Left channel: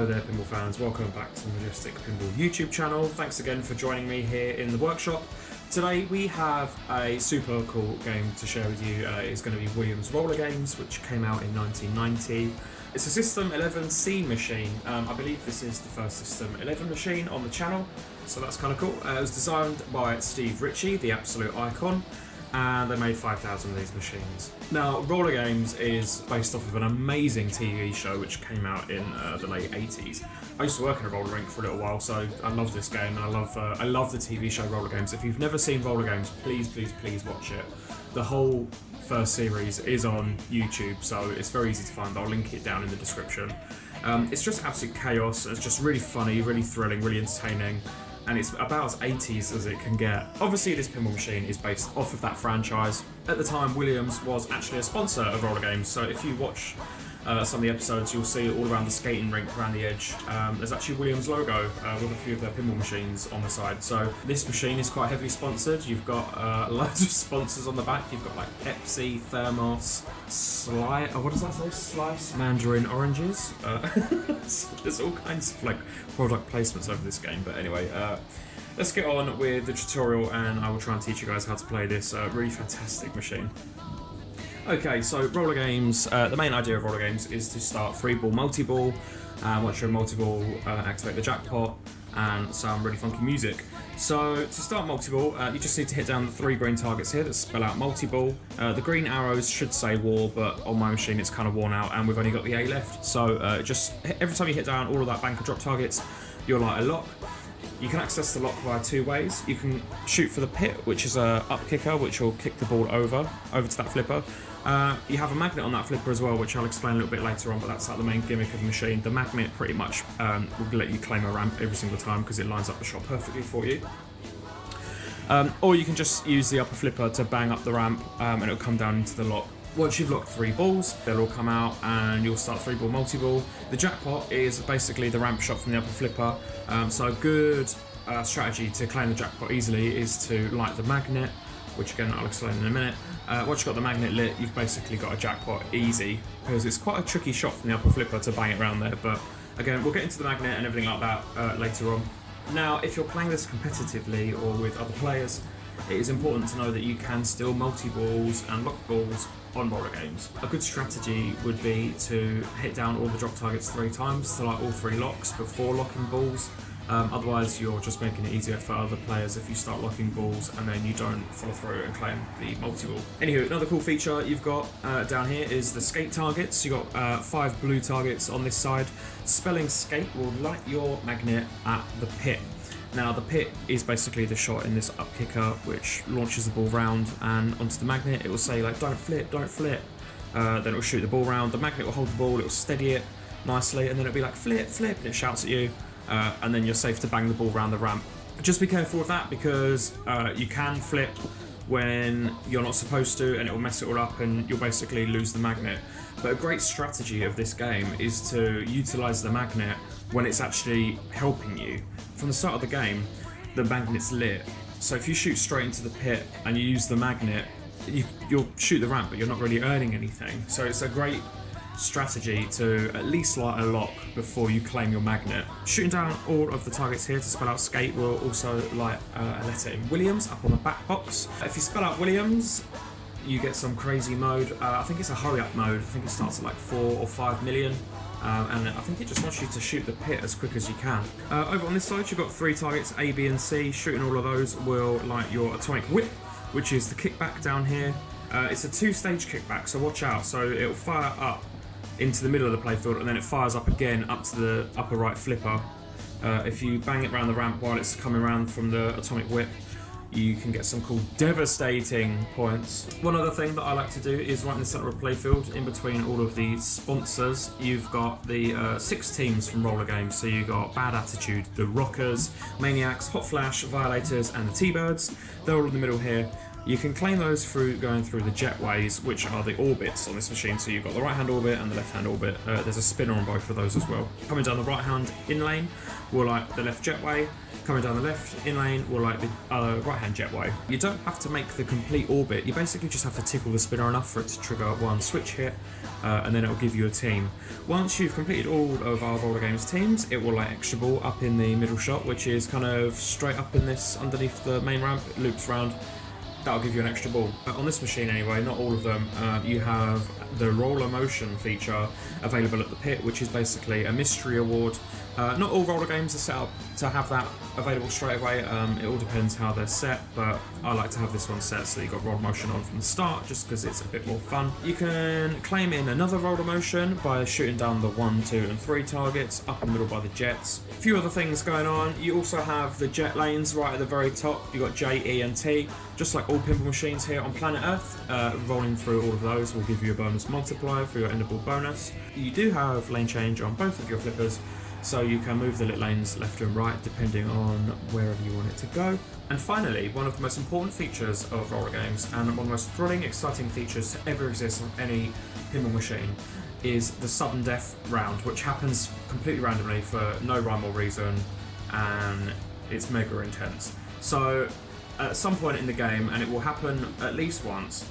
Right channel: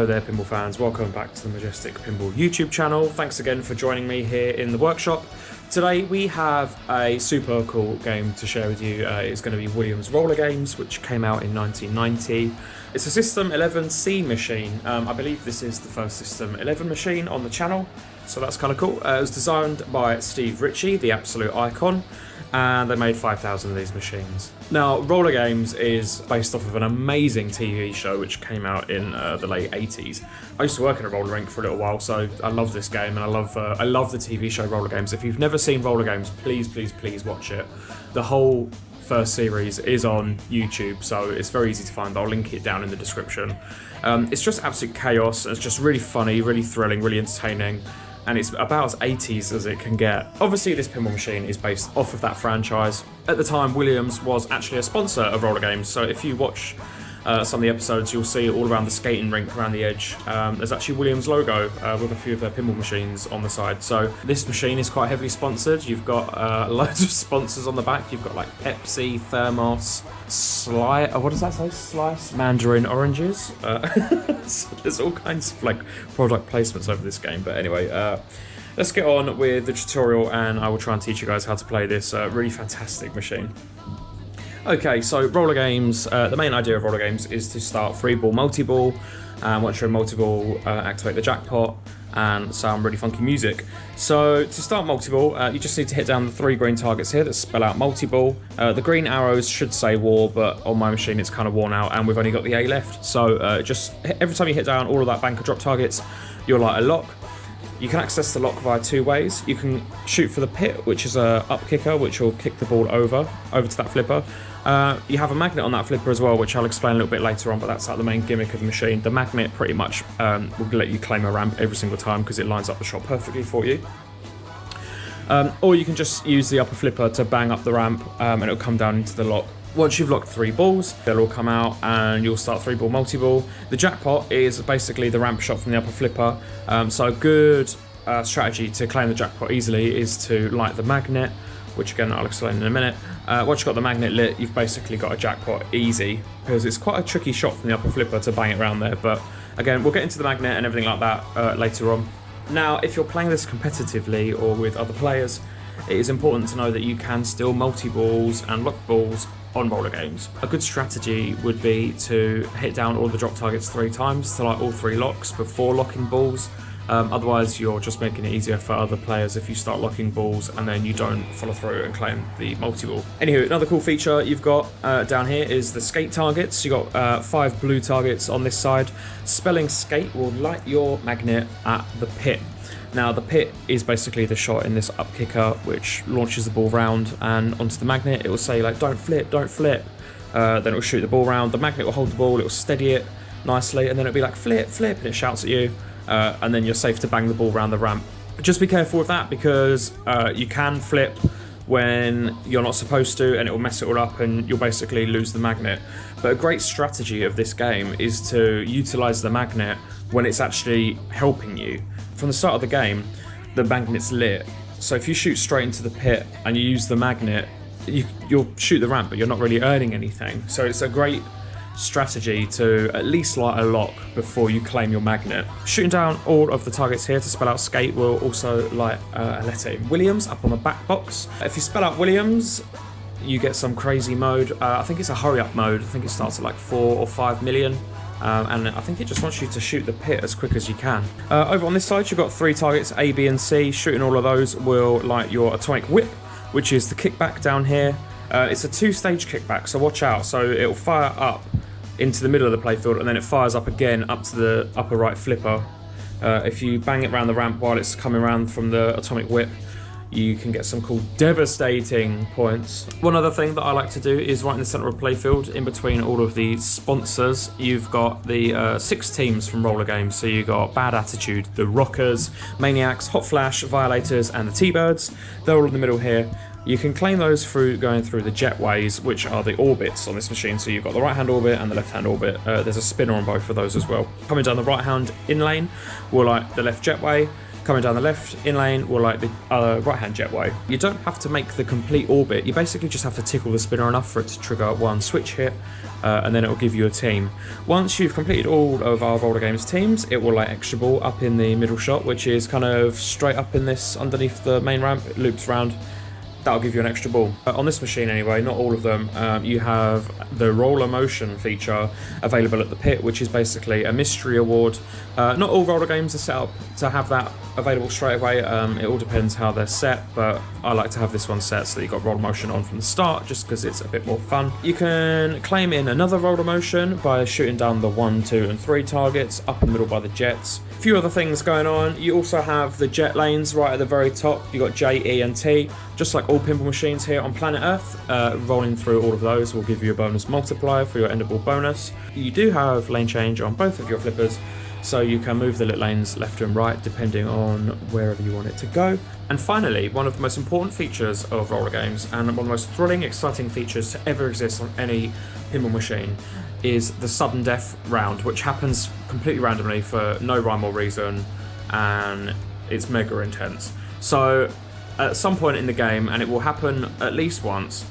Hello there pinball fans, welcome back to the Majestic Pinball YouTube channel. Thanks again for joining me here in the workshop. Today we have a super cool game to share with you. It's going to be Williams Rollergames, which came out in 1990. It's a System 11C machine. I believe this is the first System 11 machine on the channel, so that's kind of cool. It was designed by Steve Ritchie, the absolute icon, and they made 5,000 of these machines. Now, Rollergames is based off of an amazing TV show which came out in the late 80s. I used to work in a roller rink for a little while, so I love this game, and I love the TV show Rollergames. If you've never seen Rollergames, please watch it. The whole first series is on YouTube, so it's very easy to find. I'll link it down in the description. It's just absolute chaos. It's just really funny, really thrilling, really entertaining, and it's about as 80s as it can get. Obviously, this pinball machine is based off of that franchise. At the time, Williams was actually a sponsor of Rollergames, so if you watch some of the episodes, you'll see all around the skating rink, around the edge, there's actually Williams logo with a few of their pinball machines on the side. So this machine is quite heavily sponsored. You've got loads of sponsors on the back. You've got like Pepsi, Thermos, what does that say? Slice Mandarin Oranges. So there's all kinds of like product placements over this game. But anyway, let's get on with the tutorial, and I will try and teach you guys how to play this really fantastic machine. Okay, so Rollergames, the main idea of Rollergames is to start 3-ball multi-ball, and once you're in multi-ball, activate the jackpot and some really funky music. So to start multi-ball, you just need to hit down the 3 green targets here that spell out multi-ball. The green arrows should say war, but on my machine it's kind of worn out and we've only got the A left. So just every time you hit down all of that bank of drop targets, you'll light a lock. You can access the lock via 2 ways. You can shoot for the pit, which is a up kicker, which will kick the ball over to that flipper. You have a magnet on that flipper as well, which I'll explain a little bit later on, but that's like the main gimmick of the machine. The magnet pretty much will let you claim a ramp every single time because it lines up the shot perfectly for you. Or you can just use the upper flipper to bang up the ramp and it'll come down into the lock. Once you've locked 3 balls, they'll all come out and you'll start 3-ball multi-ball. The jackpot is basically the ramp shot from the upper flipper. So a good strategy to claim the jackpot easily is to light the magnet, which again I'll explain in a minute. Once you've got the magnet lit, you've basically got a jackpot easy, because it's quite a tricky shot from the upper flipper to bang it around there. But again, we'll get into the magnet and everything like that later on. Now, if you're playing this competitively or with other players, it is important to know that you can still multi-balls and lock balls on Rollergames. A good strategy would be to hit down all the drop targets 3 times to light all 3 locks before locking balls. Otherwise, you're just making it easier for other players if you start locking balls and then you don't follow through and claim the multi-ball. Anywho, another cool feature you've got down here is the skate targets. You've got 5 blue targets on this side. Spelling skate will light your magnet at the pit. Now, the pit is basically the shot in this up kicker, which launches the ball round and onto the magnet. It will say like, don't flip, don't flip. Then it will shoot the ball round. The magnet will hold the ball, it will steady it nicely, and then it'll be like, flip, flip, and it shouts at you. And then you're safe to bang the ball around the ramp. Just be careful with that, because you can flip when you're not supposed to, and it will mess it all up and you'll basically lose the magnet. But a great strategy of this game is to utilize the magnet when it's actually helping you. From the start of the game, the magnet's lit, so if you shoot straight into the pit and you use the magnet, you'll shoot the ramp, but you're not really earning anything. So it's a great strategy to at least light a lock before you claim your magnet. Shooting down all of the targets here to spell out skate will also light a letter in Williams up on the back box. If you spell out Williams, you get some crazy mode. I think it's a hurry up mode. I think it starts at like 4 or 5 million. And I think it just wants you to shoot the pit as quick as you can. Over on this side, you've got 3 targets, A, B, and C. Shooting all of those will light your atomic whip, which is the kickback down here. It's a 2-stage kickback, so watch out. So it'll fire up into the middle of the playfield, and then it fires up again up to the upper right flipper. If you bang it around the ramp while it's coming around from the atomic whip, you can get some cool devastating points. One other thing that I like to do is right in the centre of playfield, in between all of the sponsors, you've got the 6 teams from Rollergames. So you've got Bad Attitude, the Rockers, Maniacs, Hot Flash, Violators, and the T-Birds. They're all in the middle here. You can claim those through going through the jetways, which are the orbits on this machine. So you've got the right hand orbit and the left hand orbit. There's a spinner on both of those as well. Coming down the right hand in lane will like the left jetway. Coming down the left in lane will like the right hand jetway. You don't have to make the complete orbit. You basically just have to tickle the spinner enough for it to trigger one switch hit, and then it will give you a team. Once you've completed all of our Rollergames teams, it will like extra ball up in the middle shot, which is kind of straight up in this underneath the main ramp. It loops around. That'll give you an extra ball. On this machine anyway, not all of them, you have the roller motion feature available at the pit, which is basically a mystery award. Not all roller games are set up to have that available straight away. It all depends how they're set, but I like to have this one set so that you've got roller motion on from the start, just because it's a bit more fun. You can claim in another roller motion by shooting down the 1, 2 and 3 targets up in the middle by the jets. A few other things going on. You also have the jet lanes right at the very top. You've got J, E and T, just like all pinball machines here on planet Earth. Rolling through all of those will give you a bonus multiplier for your endable bonus. You do have lane change on both of your flippers, so you can move the lit lanes left and right depending on wherever you want it to go. And finally, one of the most important features of Rollergames, and one of the most thrilling, exciting features to ever exist on any pinball machine, is the sudden death round, which happens completely randomly for no rhyme or reason, and it's mega intense. So at some point in the game, and it will happen at least once,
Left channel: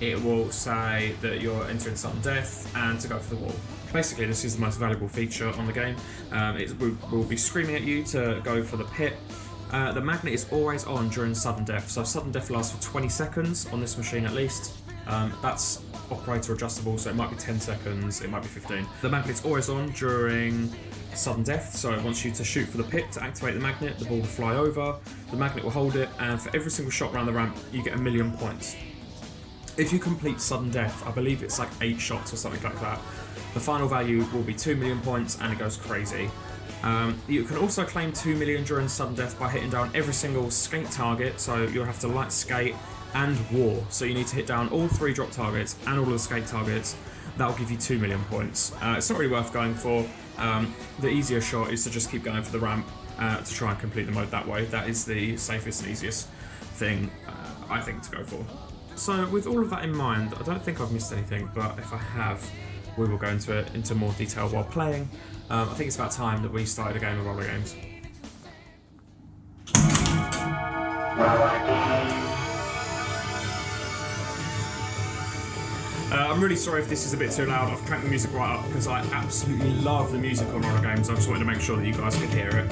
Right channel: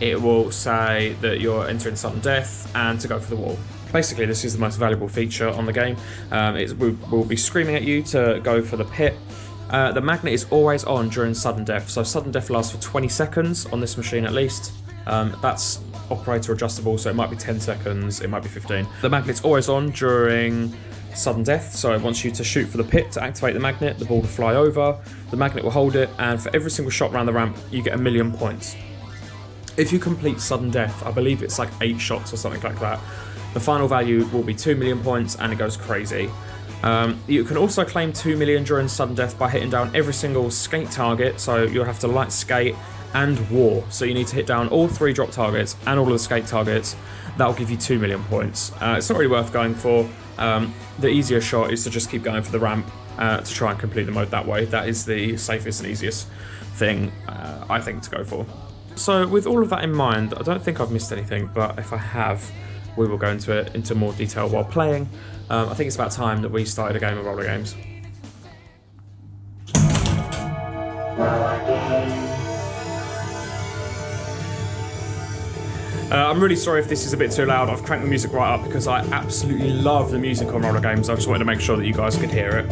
it will say that you're entering sudden death and to go for the wall. Basically, this is the most valuable feature on the game. We'll be screaming at you to go for the pit. The magnet is always on during sudden death, so sudden death lasts for 20 seconds on this machine at least. That's operator adjustable, so it might be 10 seconds, it might be 15. The magnet's always on during sudden death, so it wants you to shoot for the pit to activate the magnet, the ball to fly over, the magnet will hold it, and for every single shot around the ramp, you get 1,000,000 points. If you complete sudden death, I believe it's like 8 shots or something like that, the final value will be 2,000,000 points, and it goes crazy. You can also claim 2 million during sudden death by hitting down every single skate target, so you'll have to light skate and war, so you need to hit down all 3 drop targets and all of the skate targets. That'll give you 2,000,000 points. It's not really worth going for. The easier shot is to just keep going for the ramp to try and complete the mode that way. That is the safest and easiest thing, I think, to go for. So with all of that in mind, I don't think I've missed anything, but if I have, we will go into it into more detail while playing. I think it's about time that we started a game of Rollergames. I'm really sorry if this is a bit too loud. I've cranked the music right up because I absolutely love the music on Rollergames. I just wanted to make sure that you guys could hear it.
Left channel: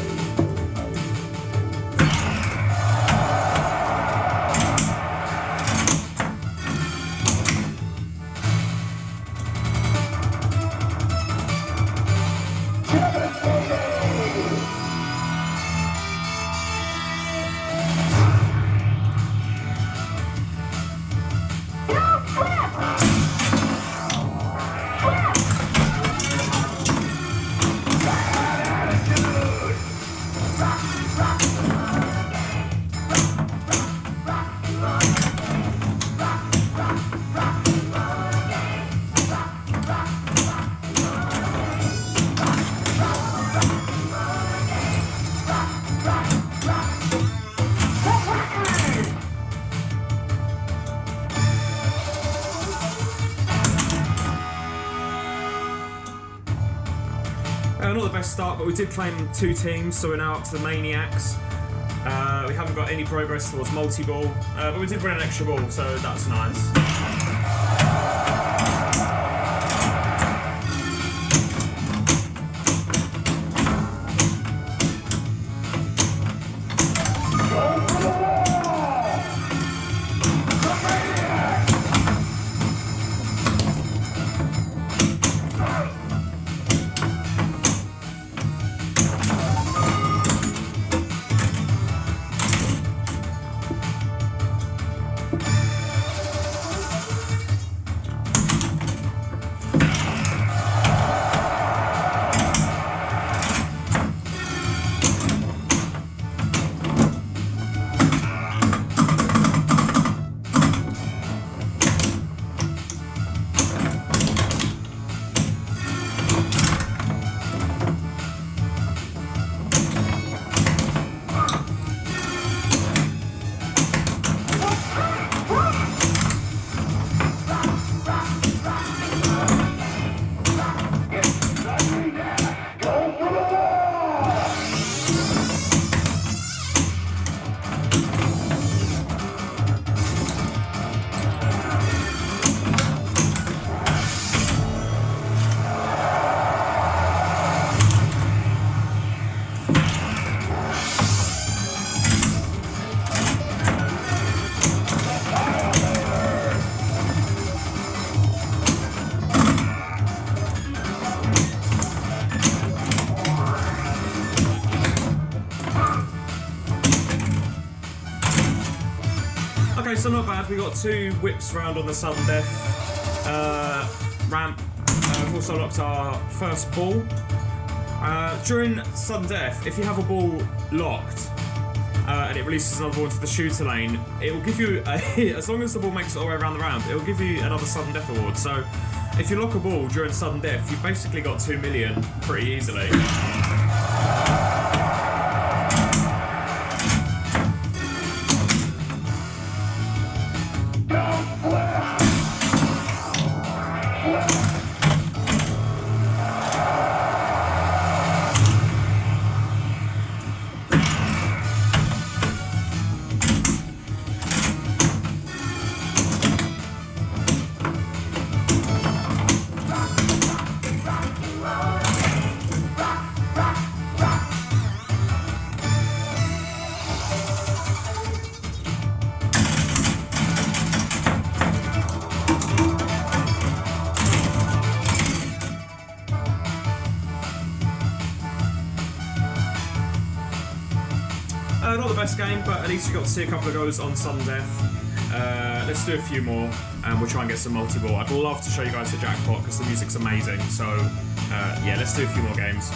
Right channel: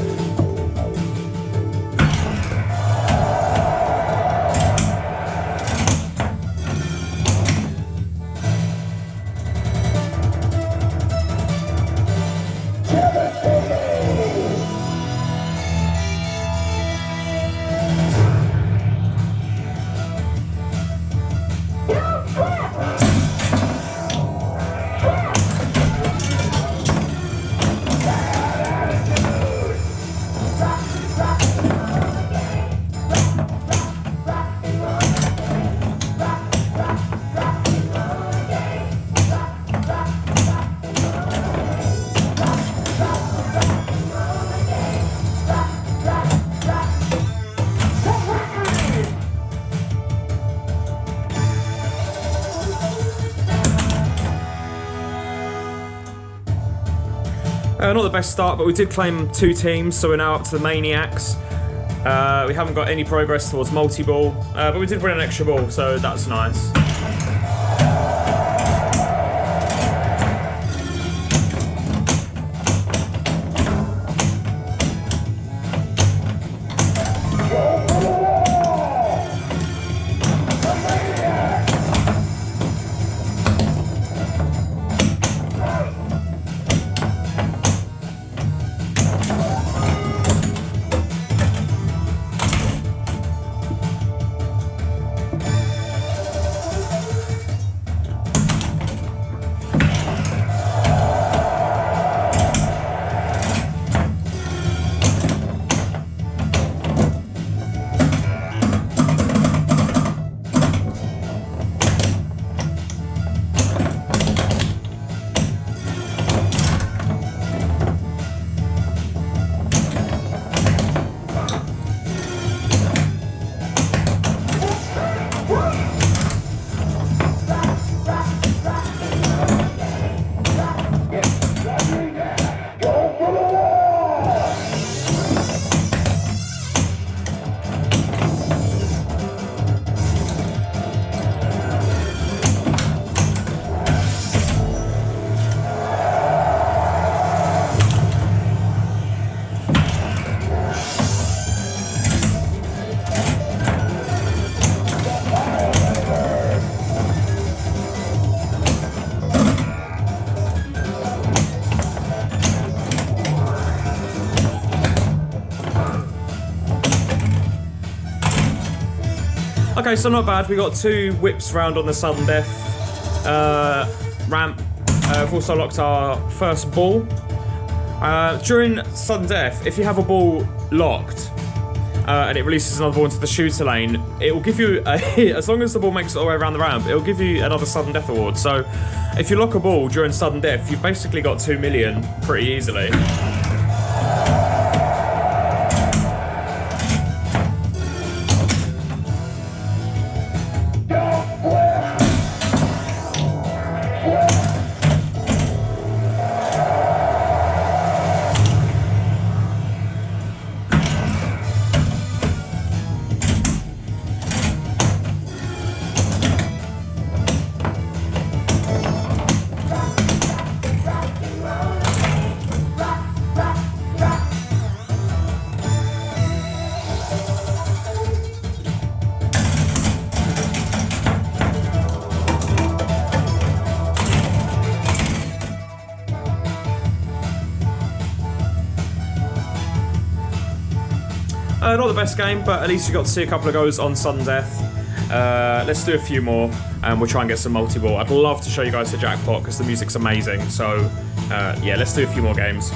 Not the best start, but we did claim 2 teams, so we're now up to the Maniacs. We haven't got any progress towards multi-ball, but we did win an extra ball, so that's nice. Okay, so not bad. We got 2 whips round on the sudden death ramp. We've also locked our first ball. During sudden death, if you have a ball locked and it releases another ball into the shooter lane, it will give you, as long as the ball makes it all the way around the ramp, it will give you another sudden death award. So if you lock a ball during sudden death, you've basically got 2 million pretty easily. Not the best game, but at least you got to see a couple of goes on sudden death. Let's do a few more, and we'll try and get some multi-ball. I'd love to show you guys the jackpot because the music's amazing. So, yeah, let's do a few more games.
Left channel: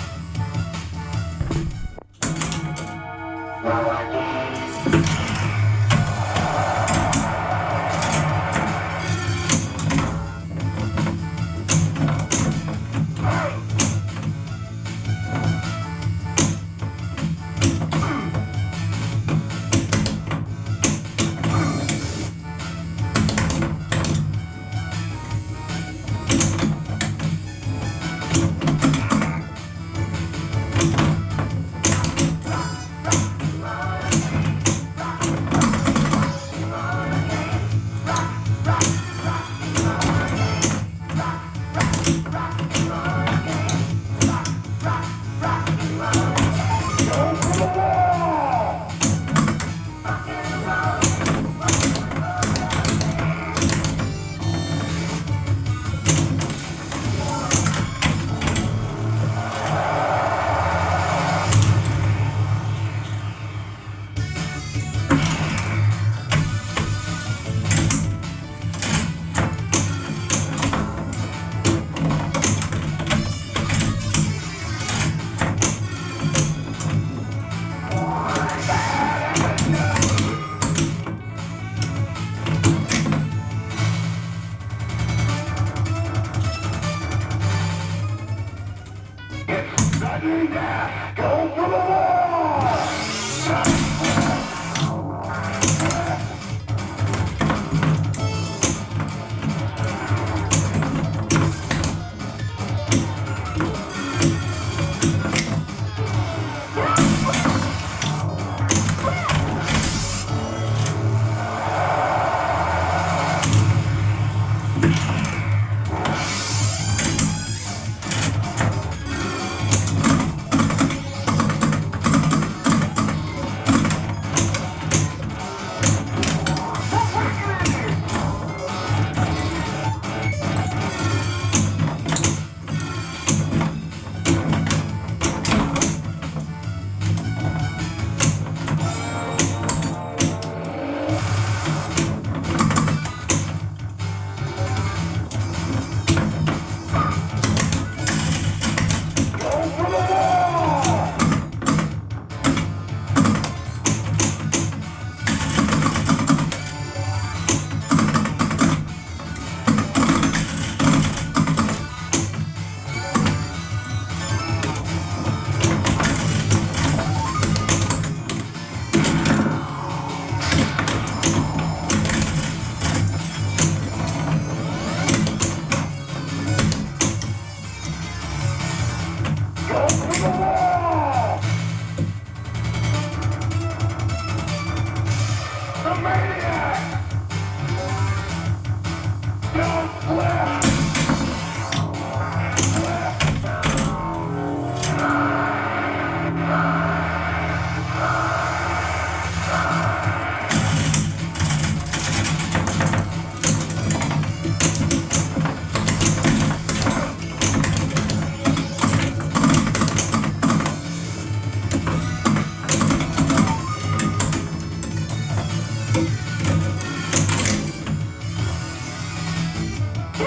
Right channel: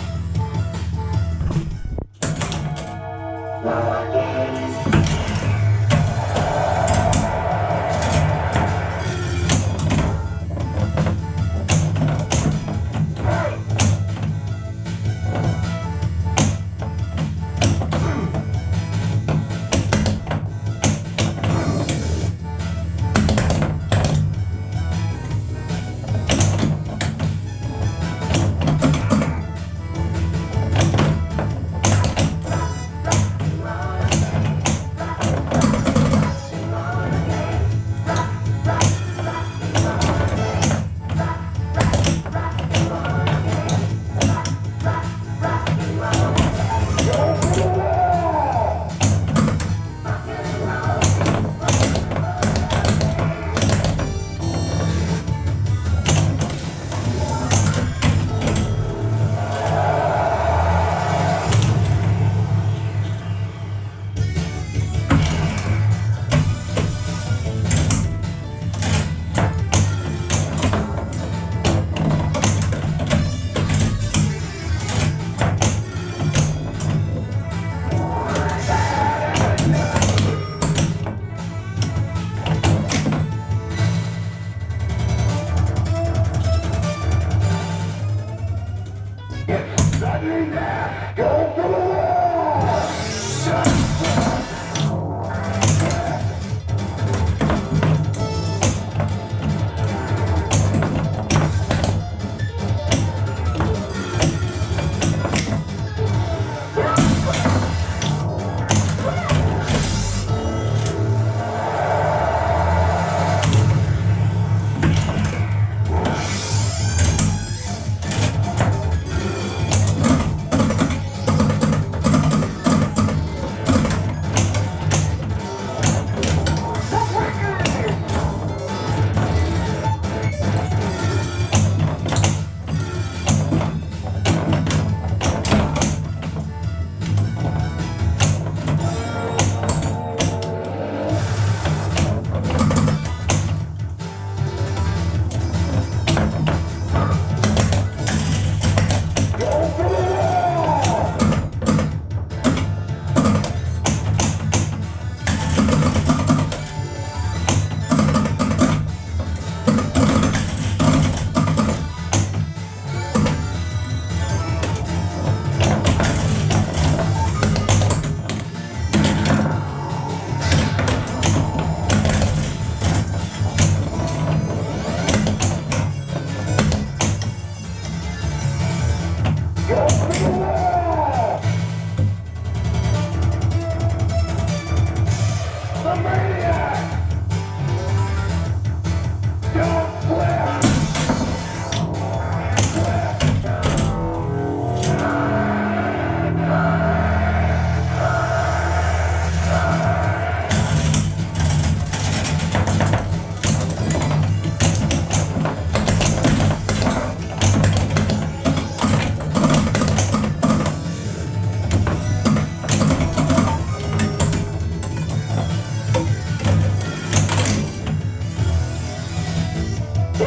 A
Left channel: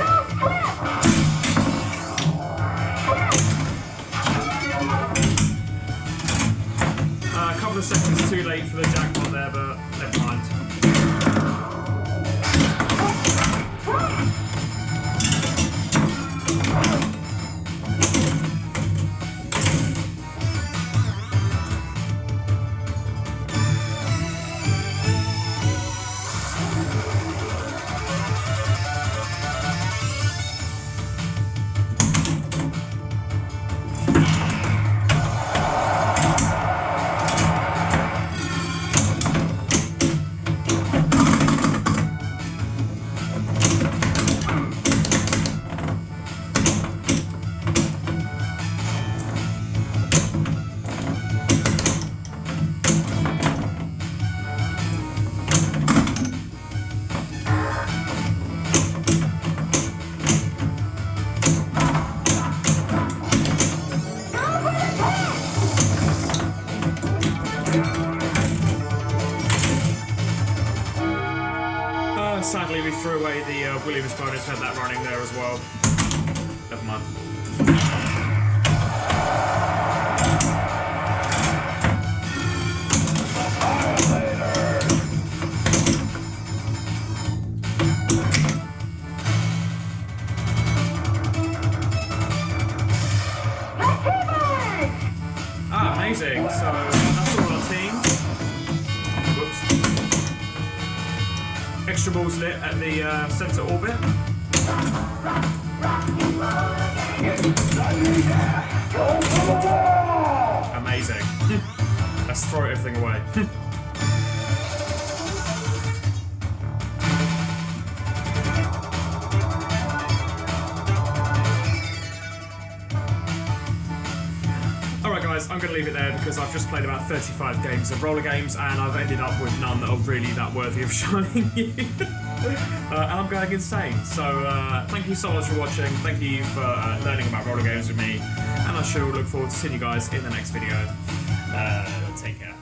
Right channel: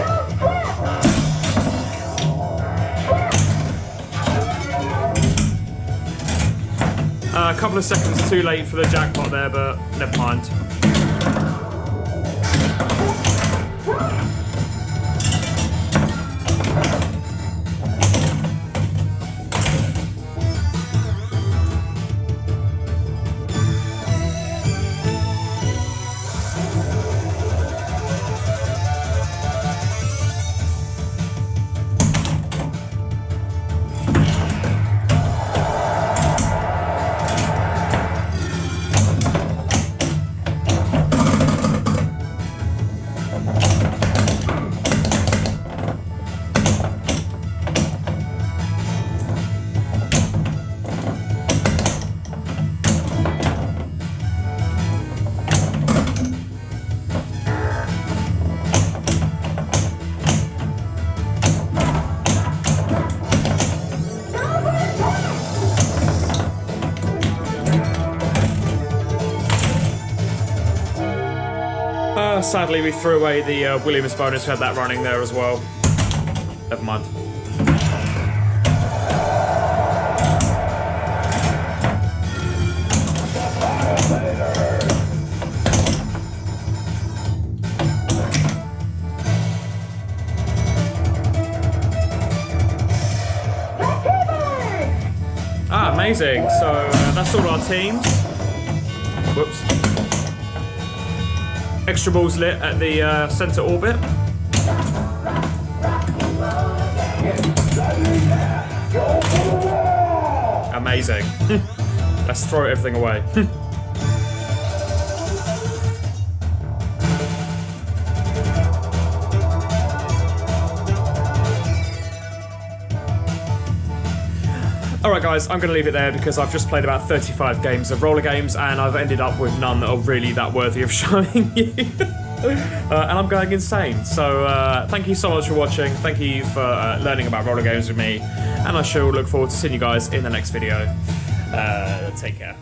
couple of seconds too late for the jackpot there, but never mind. Sadly, we threw away the Williams bonus. We had that running there as well. Never mind. Ah, amazing. So that's all our teams. Whoops. Extra balls lit at the centre orbit. Amazing. Let's throw everything away. Alright guys, I'm going to leave it there because I've just played about 35 games of roller games and I've ended up with none that are really that worthy of showing you. And I'm going insane. So thank you so much for watching, thank you for learning about roller games with me, and I shall look forward to seeing you guys in the next video. Take care.